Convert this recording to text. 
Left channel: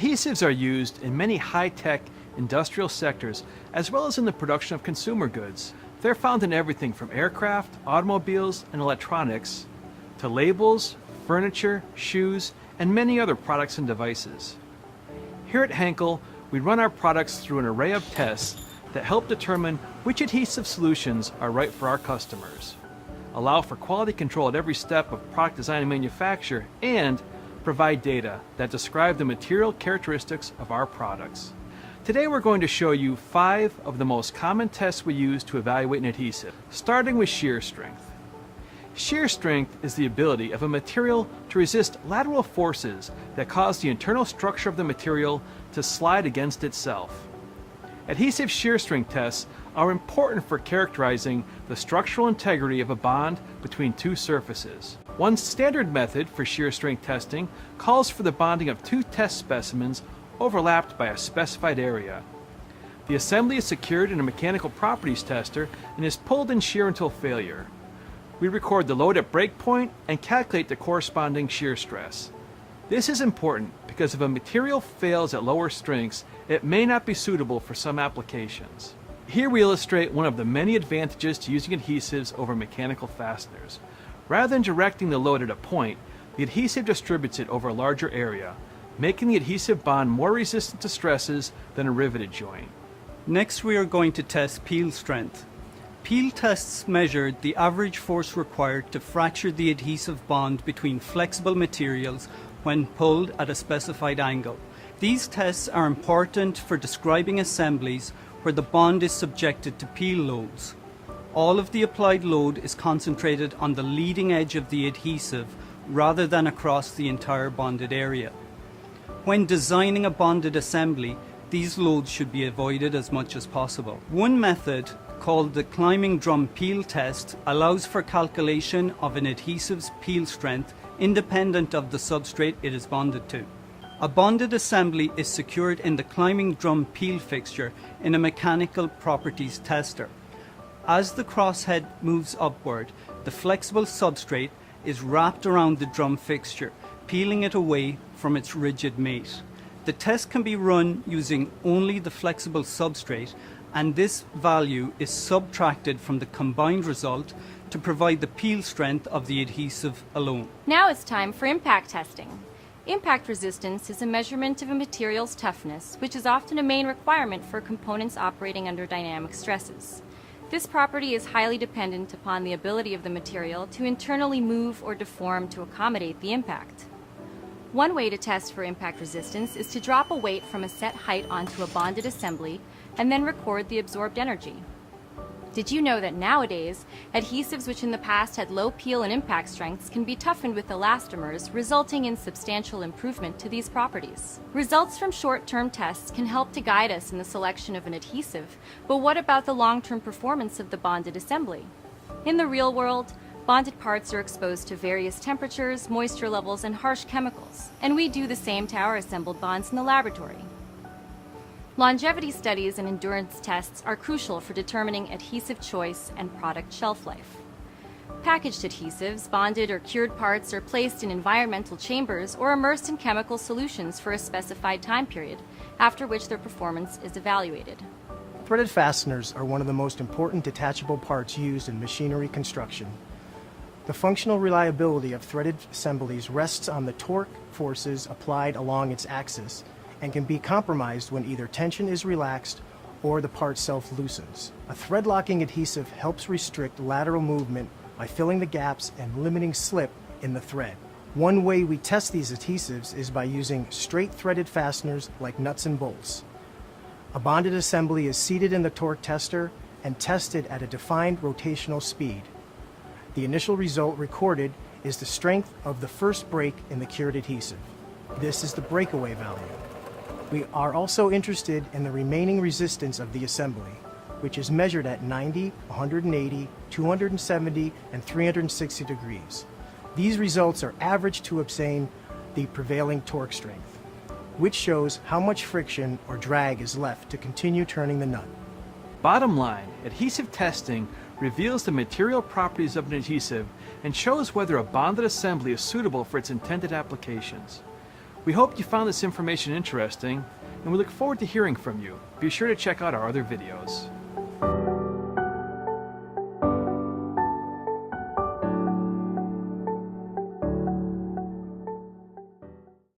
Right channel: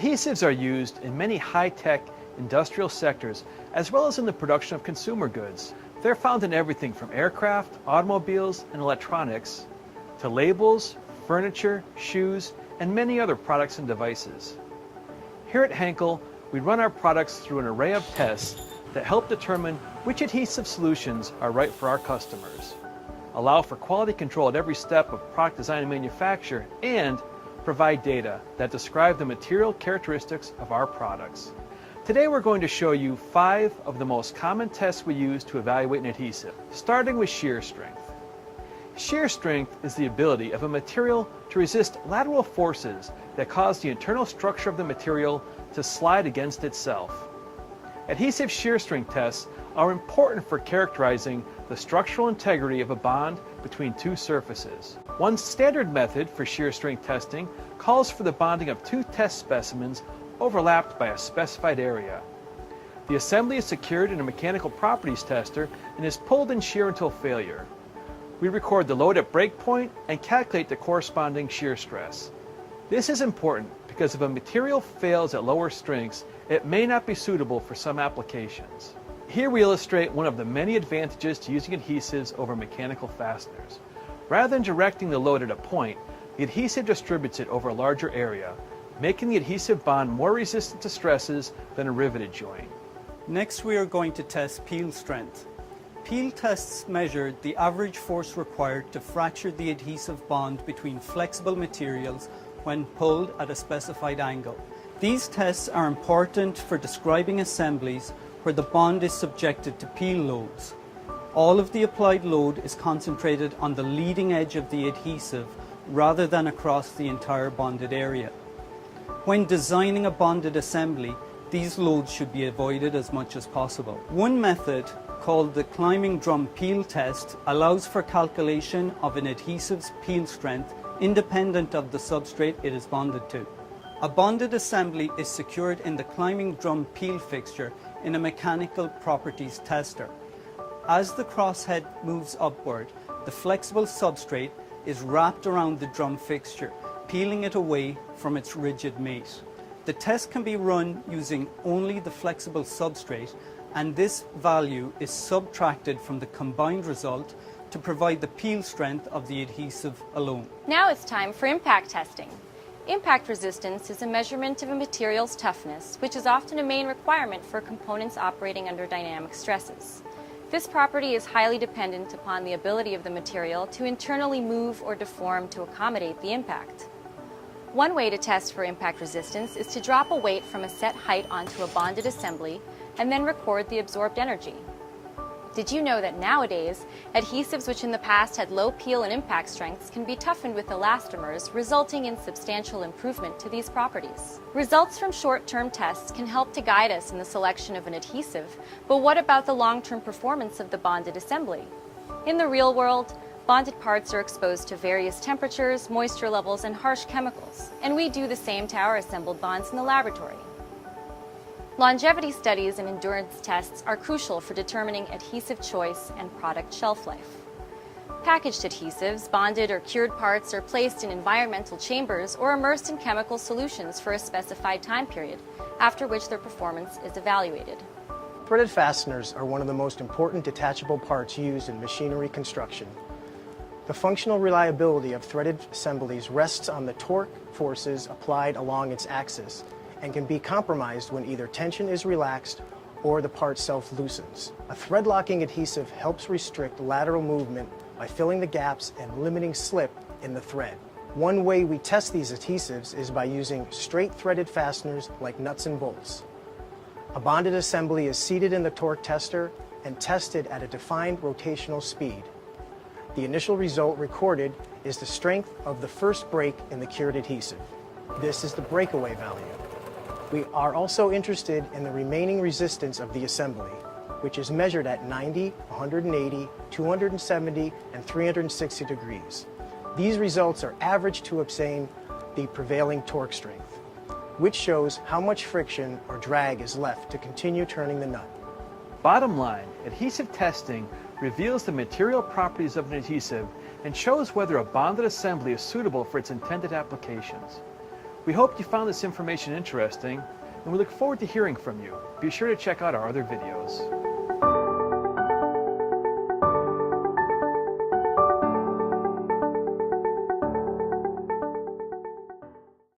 Adhesives are used in many high-tech industrial sectors as well as in the production of consumer goods. They're found in everything from aircraft, automobiles, and electronics to labels, furniture, shoes, and many other products and devices. Here at Henkel, we run our products through an array of tests that help determine which adhesive solutions are right for our customers, allow for quality control at every step of product design and manufacture, and provide data that describe the material characteristics of our products. Today we're going to show you 5 of the most common tests we use to evaluate an adhesive, starting with shear strength. Shear strength is the ability of a material to resist lateral forces that cause the internal structure of the material to slide against itself. Adhesive shear strength tests are important for characterizing the structural integrity of a bond between two surfaces. One standard method for shear strength testing calls for the bonding of 2 test specimens overlapped by a specified area. The assembly is secured in a mechanical properties tester and is pulled in shear until failure. We record the load at break point and calculate the corresponding shear stress. This is important because if a material fails at lower strengths, it may not be suitable for some applications. Here we illustrate one of the many advantages to using adhesives over mechanical fasteners. Rather than directing the load at a point, the adhesive distributes it over a larger area, making the adhesive bond more resistant to stresses than a riveted joint. Next, we are going to test peel strength. Peel tests measure the average force required to fracture the adhesive bond between flexible materials when pulled at a specified angle. These tests are important for describing assemblies where the bond is subjected to peel loads. All of the applied load is concentrated on the leading edge of the adhesive rather than across the entire bonded area. When designing a bonded assembly, these loads should be avoided as much as possible. One method, called the climbing drum peel test, allows for calculation of an adhesive's peel strength independent of the substrate it is bonded to. A bonded assembly is secured in the climbing drum peel fixture in a mechanical properties tester. As the crosshead moves upward, the flexible substrate is wrapped around the drum fixture, peeling it away from its rigid mate. The test can be run using only the flexible substrate, and this value is subtracted from the combined result to provide the peel strength of the adhesive alone. Now it's time for impact testing. Impact resistance is a measurement of a material's toughness, which is often a main requirement for components operating under dynamic stresses. This property is highly dependent upon the ability of the material to internally move or deform to accommodate the impact. One way to test for impact resistance is to drop a weight from a set height onto a bonded assembly and then record the absorbed energy. Did you know that nowadays, adhesives which in the past had low peel and impact strengths can be toughened with elastomers, resulting in substantial improvement to these properties? Results from short-term tests can help to guide us in the selection of an adhesive, but what about the long-term performance of the bonded assembly? In the real world, bonded parts are exposed to various temperatures, moisture levels, and harsh chemicals, and we do the same to our assembled bonds in the laboratory. Longevity studies and endurance tests are crucial for determining adhesive choice and product shelf life. Packaged adhesives, bonded or cured parts are placed in environmental chambers or immersed in chemical solutions for a specified time period, after which their performance is evaluated. Threaded fasteners are one of the most important detachable parts used in machinery construction. The functional reliability of threaded assemblies rests on the torque forces applied along its axis and can be compromised when either tension is relaxed or the part self-loosens. A thread-locking adhesive helps restrict lateral movement by filling the gaps and limiting slip in the thread. One way we test these adhesives is by using straight threaded fasteners like nuts and bolts. A bonded assembly is seated in the torque tester and tested at a defined rotational speed. The initial result recorded is the strength of the first break in the cured adhesive. This is the breakaway value. We are also interested in the remaining resistance of the assembly, which is measured at 90, 180, 270, and 360 degrees. These results are averaged to obtain the prevailing torque strength, which shows how much friction or drag is left to continue turning the nut. Bottom line, adhesive testing reveals the material properties of an adhesive and shows whether a bonded assembly is suitable for its intended applications. We hope you found this information interesting, and we look forward to hearing from you. Be sure to check out our other videos.